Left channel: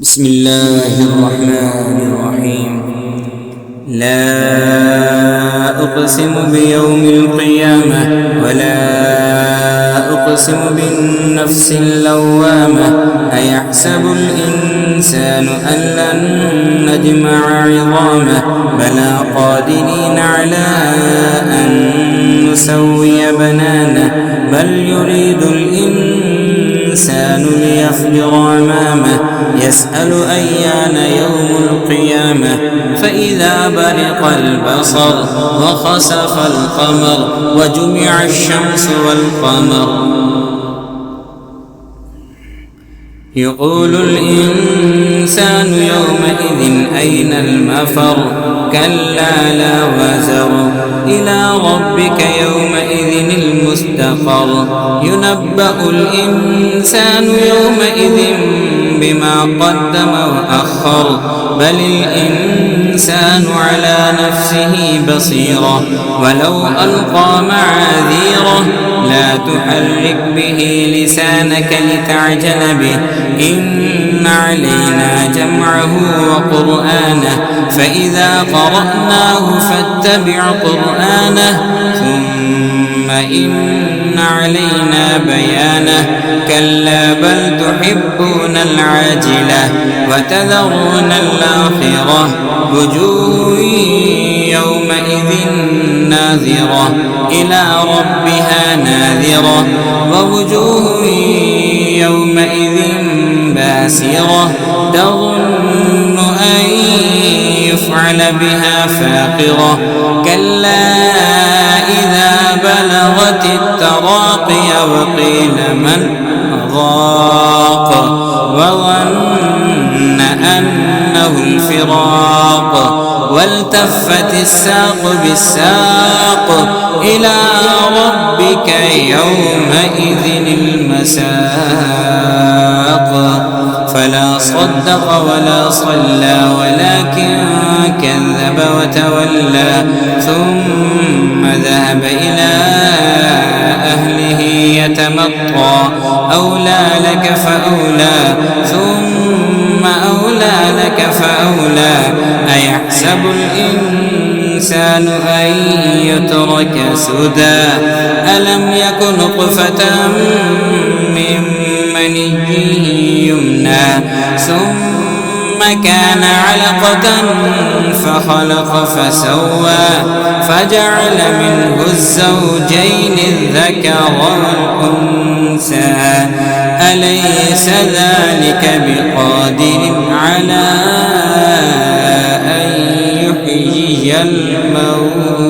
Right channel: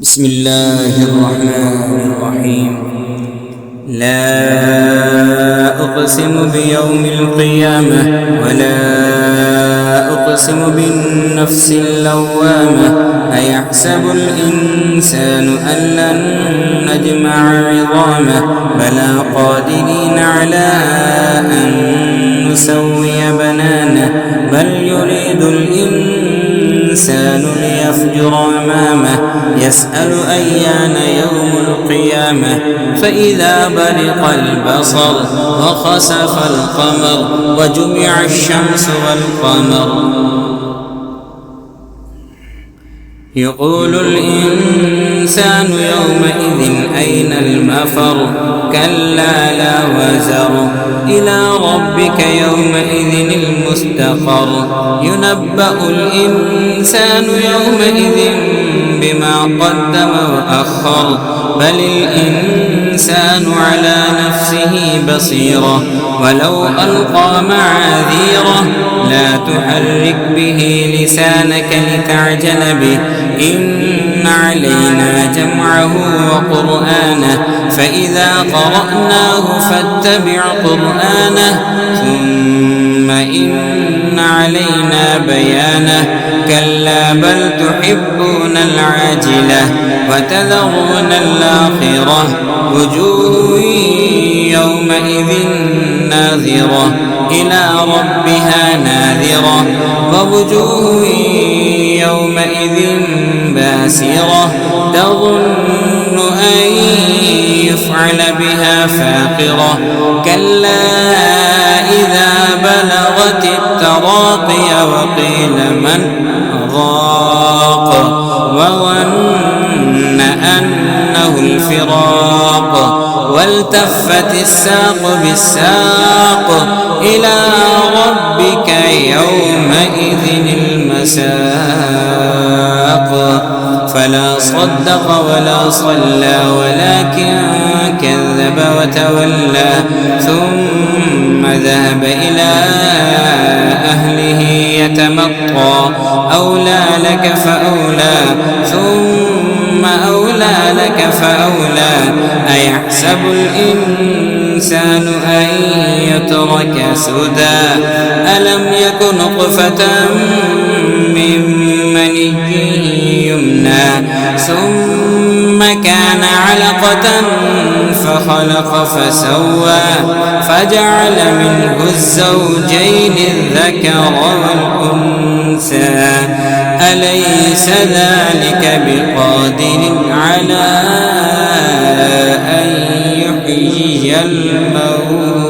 بسم الله الرحمن الرحيم. لا أقسم بيوم القيامة ولا أقسم بالنفس اللوامة. أيحسب الإنسان أن لن نجمع عظامه بلى قادرين على أن نسوي بنانه بل يريد الإنسان ليفجر أمامه يسأل أيان يوم القيامة فإذا برق البصر وخسف القمر وجمع الشمس والقمر يقول الإنسان يومئذ أين المفر كلا لا وزر إلى ربك يومئذ المستقر ينبأ الإنسان يومئذ بما قدم وأخر بل الإنسان على نفسه بصيرة ولو ألقى معاذيره لا تحرك به لسانك لتعجل به إن علينا جمعه وقرآنه فإذا قرأناه فاتبع قرآنه ثم إن علينا بيانه كلا بل تحبون العاجلة وتذرون الآخرة وجوه يومئذ ناظرة إلى ربها ناذرة ووجوه يومئذ باسرة تظن أن يفعل بها فاقرة كلا إذا بلغت التراقي وقيل من راق وظن أنه الفراق والتفت الساق بالساق إلى ربك يومئذ المساق فلا صدق ولا صلى ولكن كذب وتولى ثم ذهب إلى أهله يتمطى أولى لك فأولى ثم أولى لك فأولى أيحسب الإنسان أن يترك سدى ألم يك نطفة من مني يمنى ثم كان علقة فخلق فسوى فجعل منه الزوجين الذكر والأنثى أليس ذلك بقادر على أن يحيي الموتى